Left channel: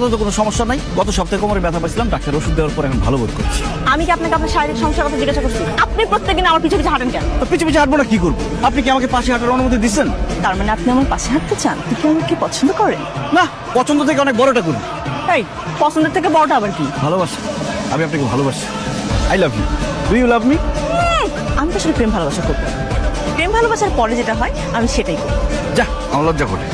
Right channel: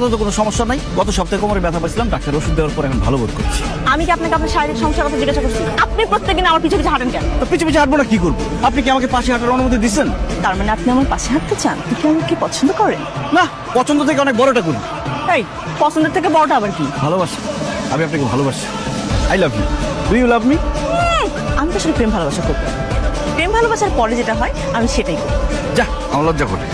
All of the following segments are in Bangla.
আপাতত কোনো সমস্যা নাই। গত সপ্তাহে কোমরে ব্যথা পাইছিলাম, ডাক্তার ওষুধ দেওয়ার পর এখন ভালো বোধ করছি। আমি কি আপনাকে আপনার শারীরিক সমস্যা আপনি জিজ্ঞাসা করছি? আপনি প্রত্যেকদিন আমার পিছু পিছু হাঁটেন কেন? তো পিছু পিছু হাঁটবো না কি করবো? আপনি কি আমাকে পাশে হাঁটার অনুমতি দিচ্ছেন? তার মানে আপনি আমার পাশে হাঁটতে চান? আপনি আমাকে পছন্দ করেন? না, পছন্দ থেকে অনেক বড়টা করি। এই পছন্দের থেকে বড়টা আবার কি? ভালোবাসি, আমি আপনাকে ভালোবাসি। I love you. Do you love me? আমি তো আসলে প্রেম ভালোবাসা করি। প্রেম ভালোবাসার পরে যেটা হয় আমি সেটাই। যা, আমার লজ্জা করে।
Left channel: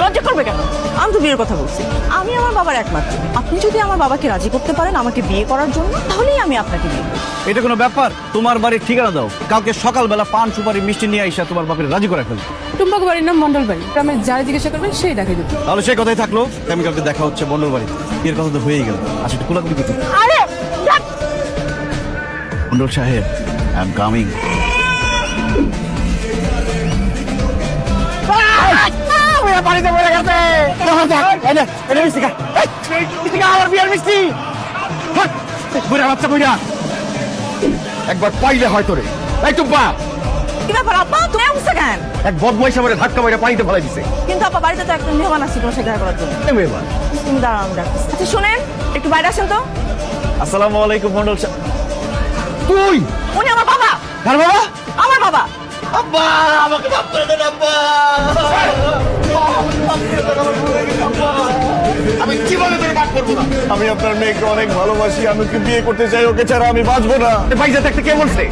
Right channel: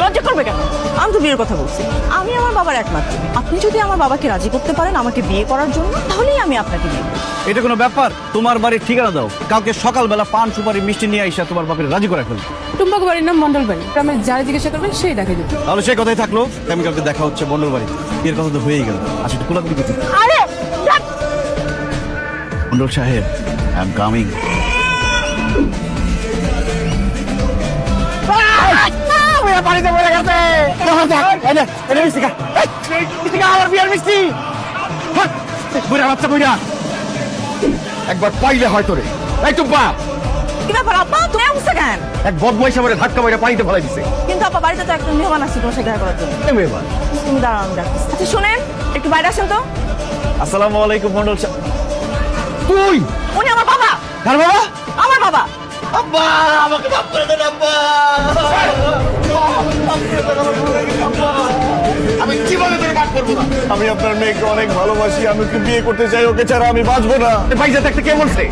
লজ্জা করবে কেন? আমি তো বিয়ের কথা বলছি। আমি আমার বাবার একমাত্র। আপনি যদি আমার বাবাকে রাজি করতে পারেন আমাকে বিয়ে করার জন্য, তাহলেই আমি আপনাকে বিয়ে করব। এটা কোনো ব্যাপার? তোমার বাড়ির ঠিকানা দাও, কালকে সকালবেলা পান সুপারি মিষ্টি নিয়ে এসে তোমার বাপের রাজি করে ফেলো। টুম্বাক বাড়ির নাম মন্ডল বাড়ি। আমি যারা জিজ্ঞাসা করবেন সেই ডাকে দেবো। তাহলে সেই কথাই থাকলো, আমি কালকে দেখা হচ্ছে মন্ডল বাড়িতে। এর কথা তো হয়েই গেল। আচ্ছা, একটু কোলাকুলি দিতে। আরে যাক। মন্ডল সাহেব, আই এম কামিং। একবার পাইলে হয়তো রে হয়তো পা কি ব্যাপার আপা? কাঁদছে না? এক বদমাইশ আমার ধাক্কা মারে পানিতে ফেলে দিছে। কিন্তু আপা বাড়িতে তো একটা মেয়েওয়ালা ছিল সেটা করার জন্য। তুমি দাঁড়ান দাঁড়ান। আচ্ছা শুনেন, একটু বাইরে আসেন তো। আসসালামু আলাইকুম মন্ডল সাহেব। তুই উনি আমার বাবা। আমার বাবা। আব্বা, আমাকে মাফ করে দেন আব্বা। আমি জীবনে তোরে মাফ করবো না। আমি আপনার মেয়েকে অনেক ভালোবাসি, আমি ওকে বিয়ে করতে চাই, ওকে ছাড়া আমি বাঁচবো না। ভাইজা একটা কে বলছে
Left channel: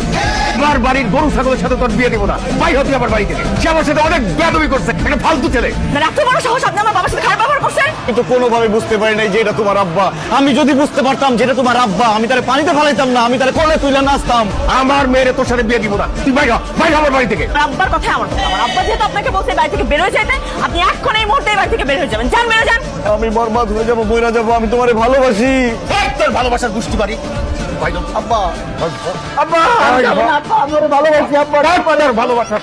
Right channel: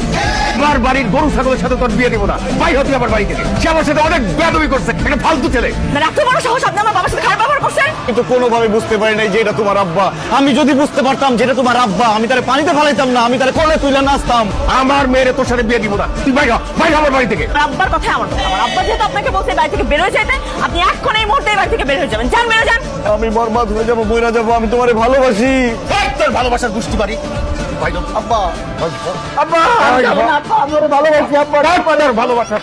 আমার বাড়ির গরু ছাগলের সাথে তোর বিয়ে দিব না? ভাই হচ্ছে আমার বাড়ি থেকে, সে আমার সাথে অনেক বেয়াদবি করছে, একটা ফালতু ছেলে। মানে এত বড় সাহস আপনি আমার বাবার সাথে খারাপ ব্যবহার করছেন? কিন্তু কোনোভাবে বুঝতে পারি নাই যে এটা তোমার আব্বা। আমি যদি বুঝতে পারতাম যে এটা তোমার আব্বা, আমি তাহলে পানিতে ফেলাইতাম না, আমি তাহলে কোনো তুলে নাচতাম। আমার মেয়ের তোর সাথে বিয়ে দিব না। তুই বাইরে বাইরে আমার বাড়ি থেকে। আব্বার কথা আমার আব্বা যেহেতু আপনাকে বলছে বাড়ি থেকে বের হয়ে যেতে, আপনি এখন এই মুহূর্তে বাড়ি থেকে বের হয়ে যাবেন। যান বেরো যান। আমি বরবাদ হয়ে যাবো, বইরা যাবো, আমি তোমারে ভালোবাসি। তোর ভালোবাসার দুষ্টি বাড়ি। আব্বা আব্বা, আমি ভালোবাসি আব্বা, ভালোবাসার